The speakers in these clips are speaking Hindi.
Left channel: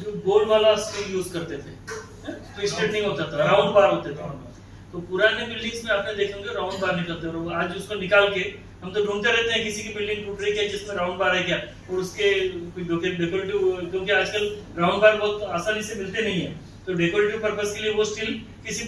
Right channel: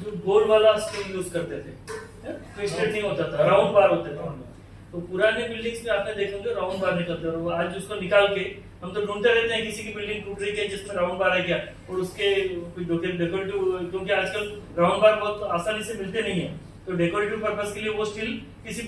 जो गोल वाला स्टील यूज करते थे, ट्विस्टेड नहीं होता था, राउंड बार होते थे। तो पुराने बिल्डिंग्स में आपने देखे होंगे राउंड बार निकलते हैं, और आज उसको निकाल के हम तो ढूंढते रहते हैं किसी की बिल्डिंग टूट रही है जिसमें राउंड बार है क्या, और उसके कुछ डेकोरेटिव, क्योंकि आजकल राउंड बार बहुत आसानी से मिलते नहीं है, तो डेकोरेटिव पर्पस के लिए वो स्टील किसी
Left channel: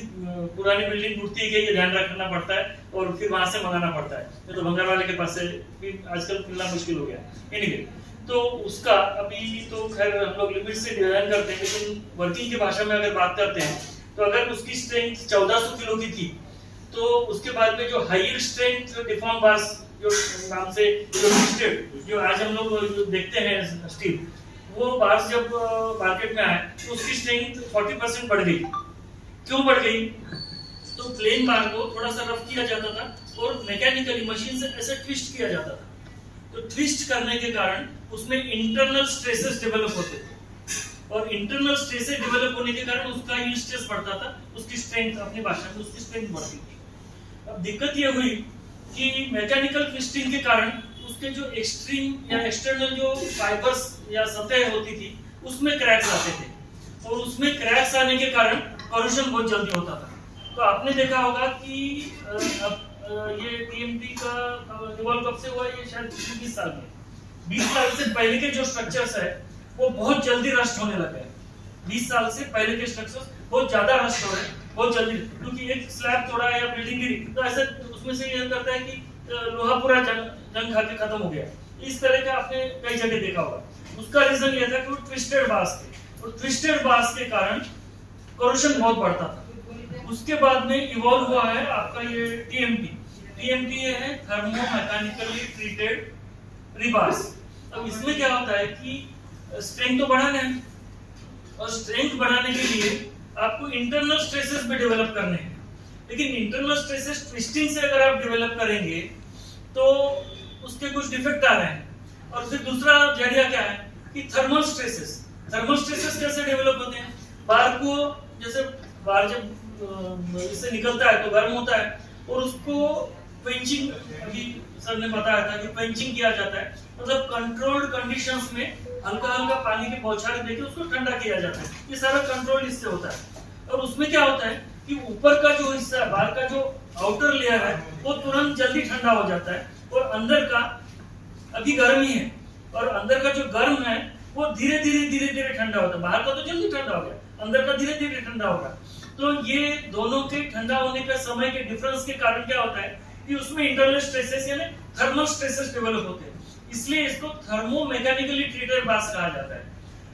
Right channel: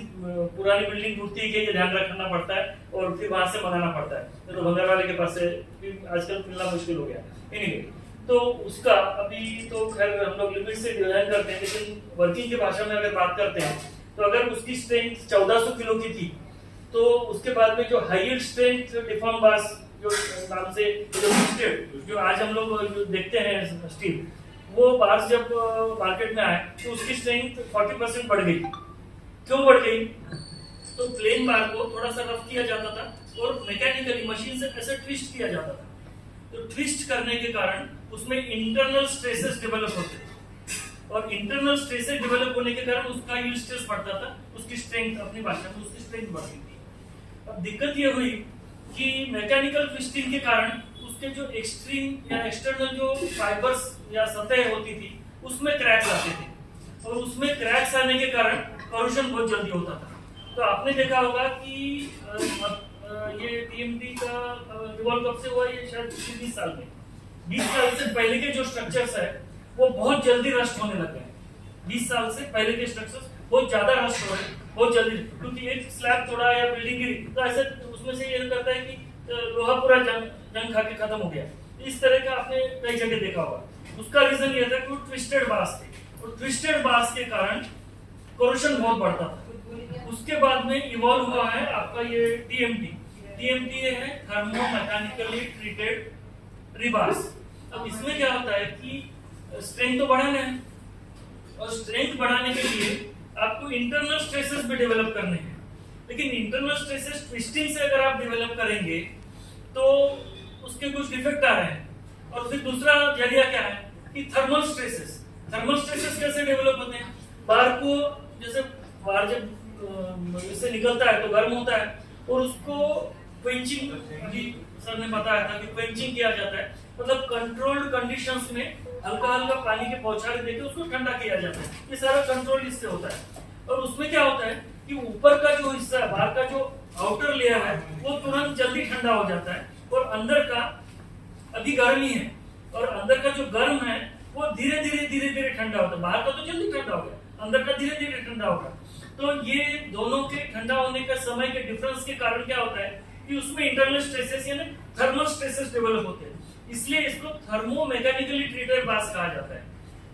पुरानी बिल्डिंग टूटती है कि ये ध्यान रखना पड़ता है और फिर वहां से मंगाना पड़ता है, नहीं तो भंगार वाले के पास से फिर आजकल मिलना मुश्किल हो गया। एनीवे, तो उसका अभी तो खैर हम लोग लिमिट से डिजाइन करते हैं, लेकिन वर्किंग की भाषा में अगर बात करते हैं तो अगर उसकी स्ट्रेंथ 1400 किलो की थी, तो उसके बाद में जो हायर स्ट्रेंथ डिफॉर्म बार्स जो नाम से जो ट्विस्टेड जो आज हम लोग देखते हैं स्टील, वो बार्स जब मार्केट में आए तो उसकी स्ट्रेंथ 40% बढ़ गई। क्यों बढ़ गई? तो प्लेन बार को थोड़ा सा रफ किया जाता था और मैकेनिकली मशीन से ऐसे ट्विस्ट किया जाता था, तो ट्विस्ट करने के कारण उसमें इंटरनल स्ट्रेसेस डेवलप होते थे, और इंटरनल स्ट्रेसेस डेवलप होने के कारण उसका यील्ड स्ट्रेस बढ़ता था, उसकी स्ट्रेंथ अपनी भाषा में उसकी स्ट्रेंथ बढ़ती थी। अब दिक्कत ये हुई कि मैकेनिकल ट्विस्टिंग के कारण उसके जो एक्सट्रीम या एक्सटर्नल जो फाइबर्स या सतह होती थी उसमें क्रैक्स आते थे, और उसमें क्रैक्स आने के कारण करोशन बहुत जल्दी होता था। तो आपने देखा होगा कि ये टीएमटी का इवॉल्व कब से हुआ, ये शायद 20 साल में, 20 साल से पहले के जो स्ट्रक्चर्स है वो बहुत जल्दी रस्ट होने लग गए। 20 साल से पहले के स्ट्रक्चर्स बहुत ज्यादा रस्ट हो रहे हैं बहुत जल्दी, क्योंकि एक स्लैब तोड़ा या बिल्डिंग गिरी तो ऐसे उसमें से ये करता है कि लोहा पूरा जंग खा के खत्म हो गया। इस तरह का आपने कई जगह देखा होगा। उसका रीजन ये था कि वो ट्विस्टेड बार्स थे, और ट्विस्टेड बार्स के कारण कोरोशन बहुत बढ़ता था। उसके बाद में इवॉल्व हुआ है आपका ये टीएमटी। टीएमटी ये है थर्मो मैकेनिकली ट्रीटेड रिबार्स। अब इसमें क्या होता है कि स्ट्रेंथ तो बढ़ाना है, और स्ट्रेंथ बढ़ाने के लिए आपको इंटरनल स्ट्रेसेस भी डेवलप करने हैं, लेकिन इंटरनल स्ट्रेसेस ट्विस्टिंग से अगर आप डेवलप करेंगे तो उसके कुछ डिफेक्ट आ रहे हैं। और फिर दूसरा जरिया क्या है कि थर्मल स्ट्रेसेस। थर्मल स्ट्रेसेस कैसे डेवलप होते हैं? बार को, जैसे बार जब इससे निकलता है तो गर्म होता है, और उसको क्वेंचिंग, अभी सर ने बताया था कि क्वेंचिंग किया जाता है, मतलब कंट्रोल्ड कंडीशंस में हल्का हल्का पानी के बौछारें देके उसको ठंडा किया जाता है। ये सारा कंट्रोल इससे होता है। और उसमें क्या होता है कि ऊपर का जो हिस्सा है, बाहर का जो आउटर लेयर है, वो तुरंत जल्दी ठंडा हो जाता है, और अंदर का अभी गर्म ही है, और अंदर का जो गर्म है वो धीरे धीरे ठंडा होता है। बाहर का तो जल्दी ठंडा हो गया, अंदर का धीरे धीरे ठंडा होगा। तो ये दोनों के ठंडा होने का समय के डिफरेंस के कारण क्या होता है कि उसमें इंटरनल स्ट्रेसेस यानी थर्मल स्ट्रेसेस डेवलप होते हैं, इसलिए इसको थर्मो मैकेनिकली ट्रीटेड बार्स कहा जाता है।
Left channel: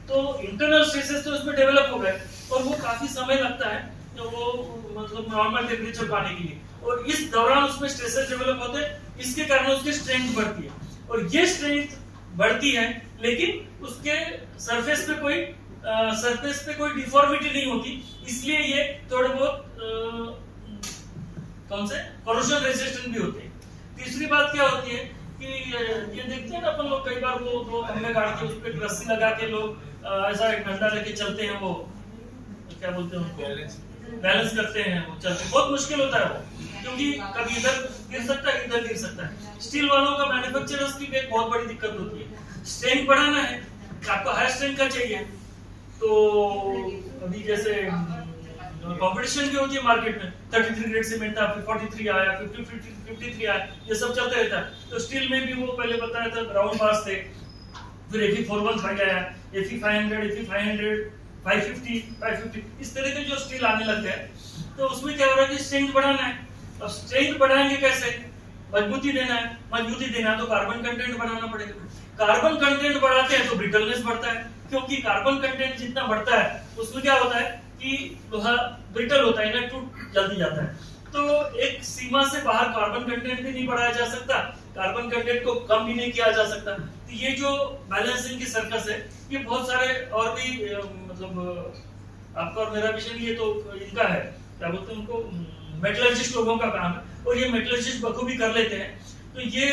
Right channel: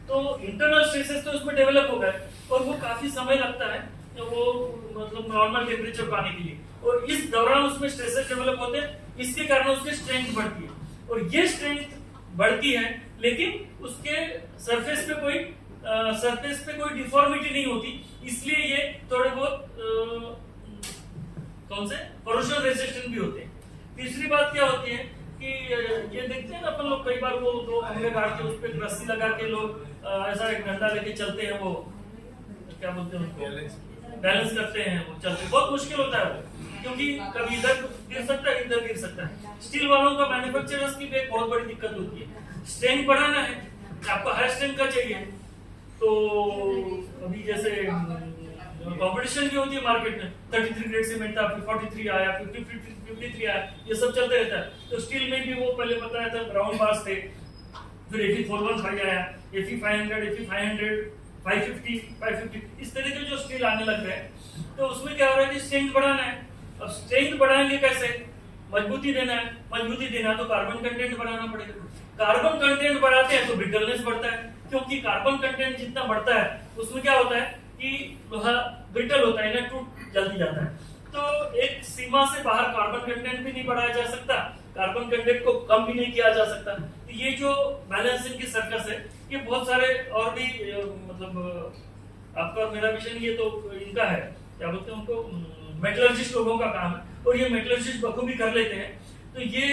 तो इंटरनल स्ट्रेसेस तो उसमें डेवलप हो गए, और वो काफी समय लगता है तो वो मतलब नॉर्मल टेम्परेचर पाने के लिए, और इस दौरान उसमें स्ट्रेसेस डेवलप होते हैं, इसके कारण उसकी स्ट्रेंथ बढ़ती है। और ये स्ट्रेंथ बढ़ती है, लेकिन उसके सरफेस पे कोई डिफॉर्मिटी नहीं होती, इसलिए ये थोड़े बहुत कौन से कोरोशन रेजिस्टेंट भी होते हैं। तीसरी बात क्या होती है कि ये देखते हैं ना अपन लोग, कई बार वो दो खंभे काट के उस पे एक रस्सी लगा के लोग ऐसा एक डंडा लेके चलते हैं, वो क्या बोलते हैं उनको, बैलेंस करते हैं, वो चलते, बहुत मुश्किल होता है वो, क्योंकि कभी इधर गिर सकता है, इधर गिर सकता है। स्टील वालों का मैन्युफैक्चरर्स की एक बहुत बड़ी दिक्कत होती है, स्ट्रेंथ बढ़ाना है, आपको हाई स्ट्रेंथ का चाहिए, तो अभी जैसे कंपटीशन भी होती है मार्केट में, 33 ग्रेड सीमेंट था, फिर 43 आया, फिर 53 आया, ये सब चलते रहता है। तो स्टील में भी वो पहले बताया था राउंड बार्स थे, फिर Fe41 आया, Fe500, Fe500, 550, इस तरह के जो स्टील आने लग गए, तो उसमें क्या हो रहा है कि स्ट्रेंथ बढ़ाना है। अब स्ट्रेंथ बढ़ाएंगे कैसे? मजबूती देना है तो कार्बन कंटेंट बढ़ाना पड़ेगा। कार्बन कंटेंट बढ़ाते हैं तो ब्रिटलनेस बढ़ता है, क्योंकि कार्बन कंटेंट जितना बढ़ता है उसमें क्या होता है कि लोहा ब्रिटल होता है ना, टूट जल्दी जाता है। तो एक सीमा से बाहर कार्बन कंटेंट भी नहीं बढ़ाया जा सकता, कार्बन कंटेंट को कम भी नहीं किया जा सकता। तो ये जो बैलेंसिंग की सर्कस है, ये बहुत सारे और भी मतलब आपका और मेरा विषय ये तो इनका है, क्या बोलते हैं उनको, मेटलर्जिस्ट लोगों का काम है, और ये मेटलर्जिस्ट बखूबी कर लेते हैं। तो ये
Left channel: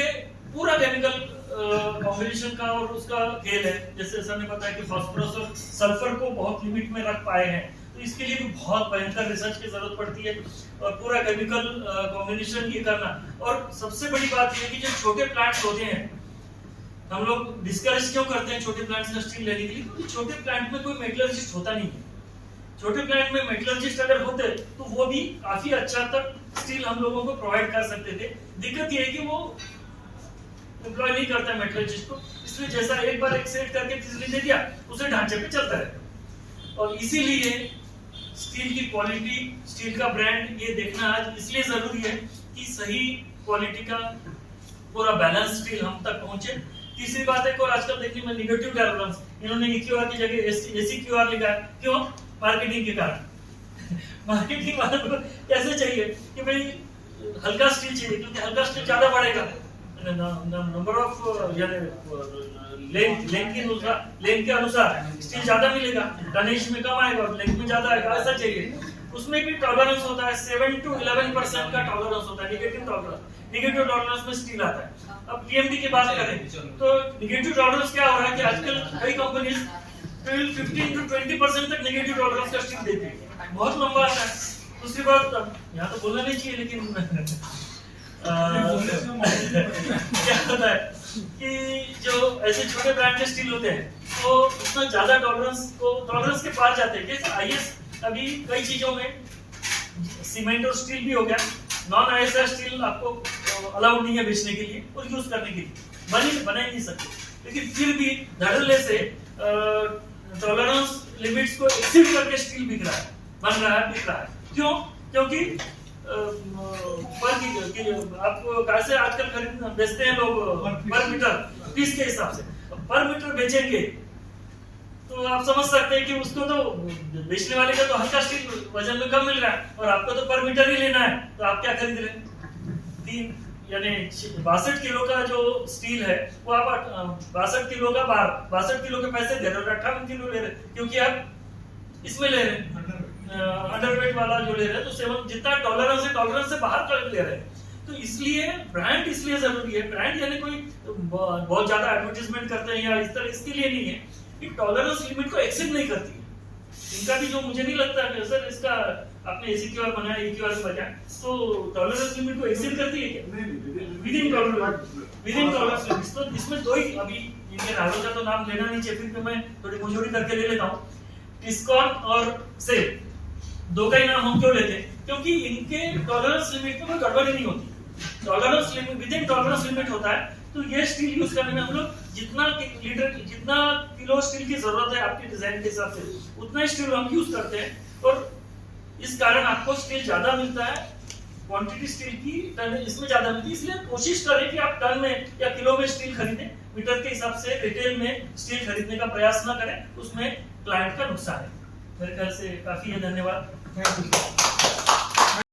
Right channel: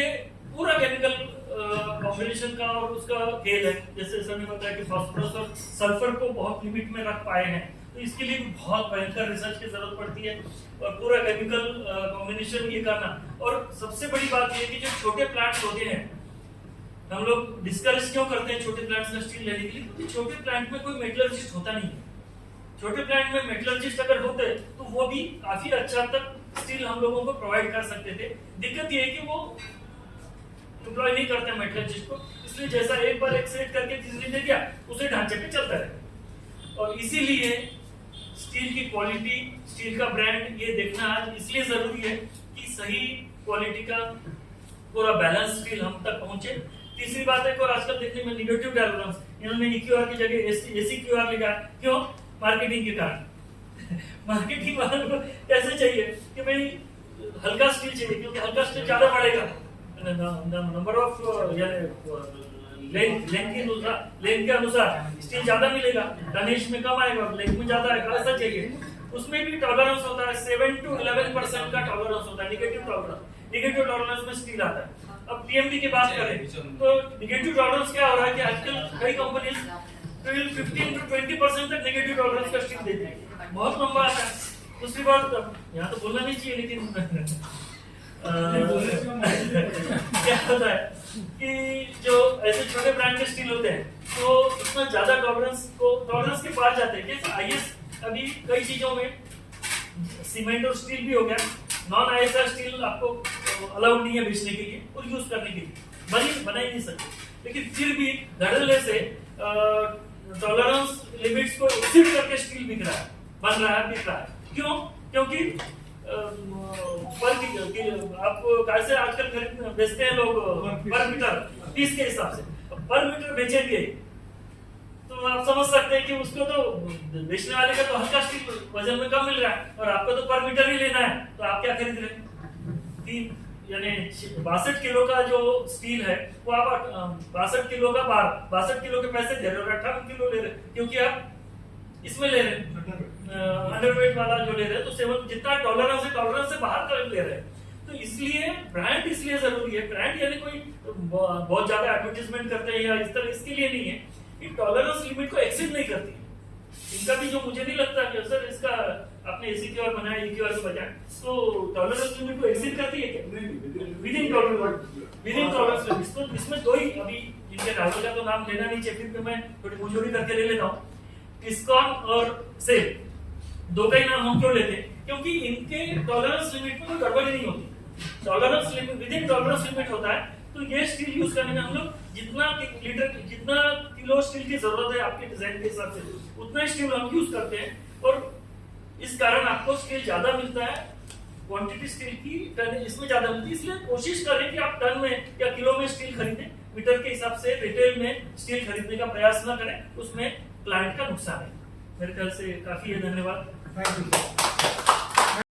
पूरा केमिकल कॉम्बिनेशन का और उसका खेल है। जैसे सर ने बताया कि फास्फोरस और सल्फर को बहुत लिमिट में रख पाए हैं, तो इसके लिए भी बहुत भयंकर रिसर्च की जरूरत पड़ती है, और पूरा केमिकल कॉम्बिनेशन ये करना। और सबसे बड़ी बात ये है कि जो छोटे प्लांट्स होते हैं हम लोग डिस्करेज क्यों करते हैं छोटे प्लांट से स्टील लेने के लिए? क्योंकि छोटे प्लांट में कोई मेटलर्जिस्ट होता नहीं है। छोटे प्लांट में मेटलर्जिस्ट अगर होते तो वो भी काफी अच्छा तक स्टील हम लोगों को प्रोवाइड कर सकते थे। दिक्कत ये है कि वो एम्प्लॉय नहीं करता है मेटलर्जिस्ट को, इसलिए जैसा एक बार एक सेट करके तीसरी दे दिया उसे ढांचे पे चलता है। और इसीलिए स्टील की क्वालिटी, स्टील का ब्रांड ये देखना आज इसलिए जरूरी है कि सही क्वालिटी का पूरा बैलेंस स्टील हम तक पहुंचे। तीसरी बात है और आजकल देखने में निगेटिव टॉलरेंस, इन्होंने EQR की जगह SEQR लिखा है। क्यों? मार्केटिंग के कारण। मार्केटिंग वालों को कैसे चाहिए कि भाई हल्का स्टील चाहिए, क्योंकि हल्का स्टील ज्यादा बढ़ेगा, नंबर ऑफ लेंथ के अनुसार स्टील ज्यादा मिलेगा, टनेज में कम आएगा, लेंथ में ज्यादा आएगा, ऐसा चाहिए। उसमें भी टॉलरेंस होता है, 7 to 11% का टॉलरेंस होता है, निगेटिव टॉलरेंस। निगेटिव टॉलरेंस में स्टील आता है। अब TMT की बात करें तो निगेटिव टॉलरेंस क्या हो रहा है कि आजकल कई कंपनीज 15 to 20% तक निगेटिव टॉलरेंस का स्टील देती है, बहुत लंबा आता है। दूसरी बात, यहाँ तो बोलना नहीं चाहिए लेकिन क्या होता है कि जो ऐसे छोटे ब्रांड के स्टील होते हैं तो उतना ज्यादा टॉलरेंस के पार जाते हैं। जैसे IS अभी कई चीजों में सीमेंट और स्टील भी हो गया, नॉन ISR स्टील आपको अलाउड नहीं है बेचने के लिए और यूज करने के लिए, बना ही नहीं सकते। लेकिन फिर भी धड़ल्ले से टॉलरेंस लिमिट्स को एक्सीड करके स्टील बिक रहा है, बन रहा है, बिक रहा है। क्यों? क्योंकि आप कैसे आजकल खरीद बेचते हैं लोग पर मीटर, पीस के हिसाब से। पर मीटर बेचेंगे तो आप समझ सकते हैं कि उसको तो बेचने वाले का तो हल्का स्टील वजन में कम मिल रहा है और आपको तो पर मीटर ही लेना है, तो आप क्या खरीद रहे हैं? 62 किलो का जो स्टील है वो आप 62 किलो का 62 किलो के पैसे दे रहे हो, 58 किलो ले रहे, क्योंकि आप इसमें ले रहे हैं अंडरवेट वाला जो ले रहे हैं, तो 7 जितना टॉलरेंस से बाहर कर ले रहे हैं। तो इसलिए ब्रांड इसलिए जरूरी है। ब्रांड यानी कोई बहुत ज्यादा एडवर्टाइजमेंट करते हैं या इस तरह, इसके लिए नहीं है कि टॉलरेंस लिमिट को एक्सीड नहीं करती है। इनका भी जो मुझे नहीं लगता कि सर इसका आपने SEQR बनाया, EQR के बजाय, तो टॉलरेंस लिमिट को एक्सीड करती है क्या? Within tolerance limit. तो इसमें दो ही, अभी इनके राइवल का तो नाम लेना नहीं चाहिए, फिर मैं थोड़ी मुझोरी करके ले लेता हूँ। टिस्कॉन और सेल, दो का ही नाम हम क्यों लेते हैं? क्योंकि इनके टॉलरेंस लिमिट में कोई गड़बड़ी नहीं होती। Tolerance limit, within tolerance limit होता है। तो ये स्टील यूज करने में हम लोग जितना किलो स्टील की जरूरत है आपके डिजाइन के हिसाब से, उतना स्टील हम यूज करते हैं और इस कारण आपको स्टील ज्यादा मिलता है। क्वांटिटी स्टील की टन इसमें ज्यादा मिलती है, इसलिए कोशिश करें कि आप टन में या किलो में स्टील खरीदें। मीटर के हिसाब से रिटेल में स्टील खरीदने का प्रयास ना करें, उसमें क्लाइंट का नुकसान है। मेरे ख्याल से काफी है। धन्यवाद।